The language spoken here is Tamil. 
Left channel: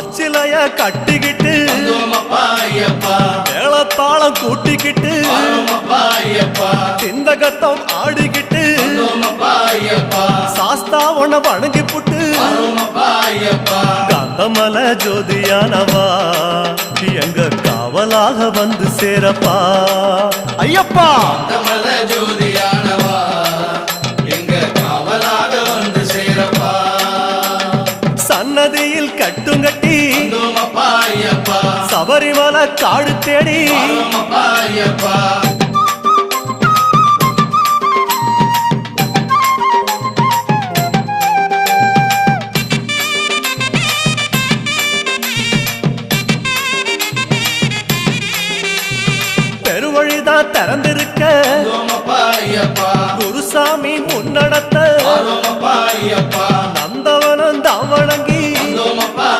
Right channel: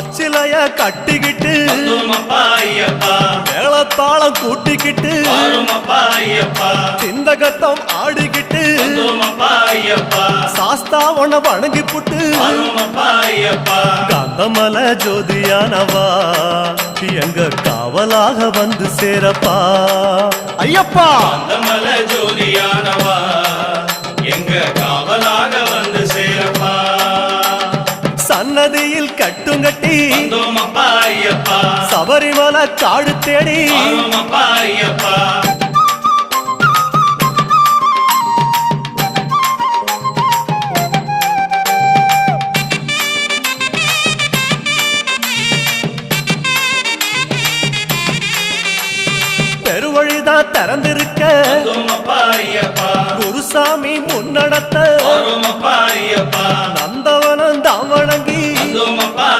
பச்சிலைய கட்டிக்கிட்டு மேளத்தாளம் கூட்டிக்கிட்டு சிந்தகத்தம் ஆடிக்கிட்டு சாஸ்தா உன வணங்கி புட்டு காந்தமல ஜோதியானவா எங்க காவலாக வந்து சேரப்பா ஐயப்பா. காந்தமல ஜோதியானவா எங்க காவலாக வந்து சேரப்பா. சன்னதியில் கட்டுங்கட்டி வந்தோமப்பா ஐயப்பா. சபரிமலை காடு தேடி வந்தோமப்பா ஐயப்பா. பெருவழிதான் திறந்திருக்க வந்தோமப்பா ஐயப்பா. குருசாமி முன்னடத்த வந்தோமப்பா ஐயப்பா. நந்தவனம் தான் வணங்கி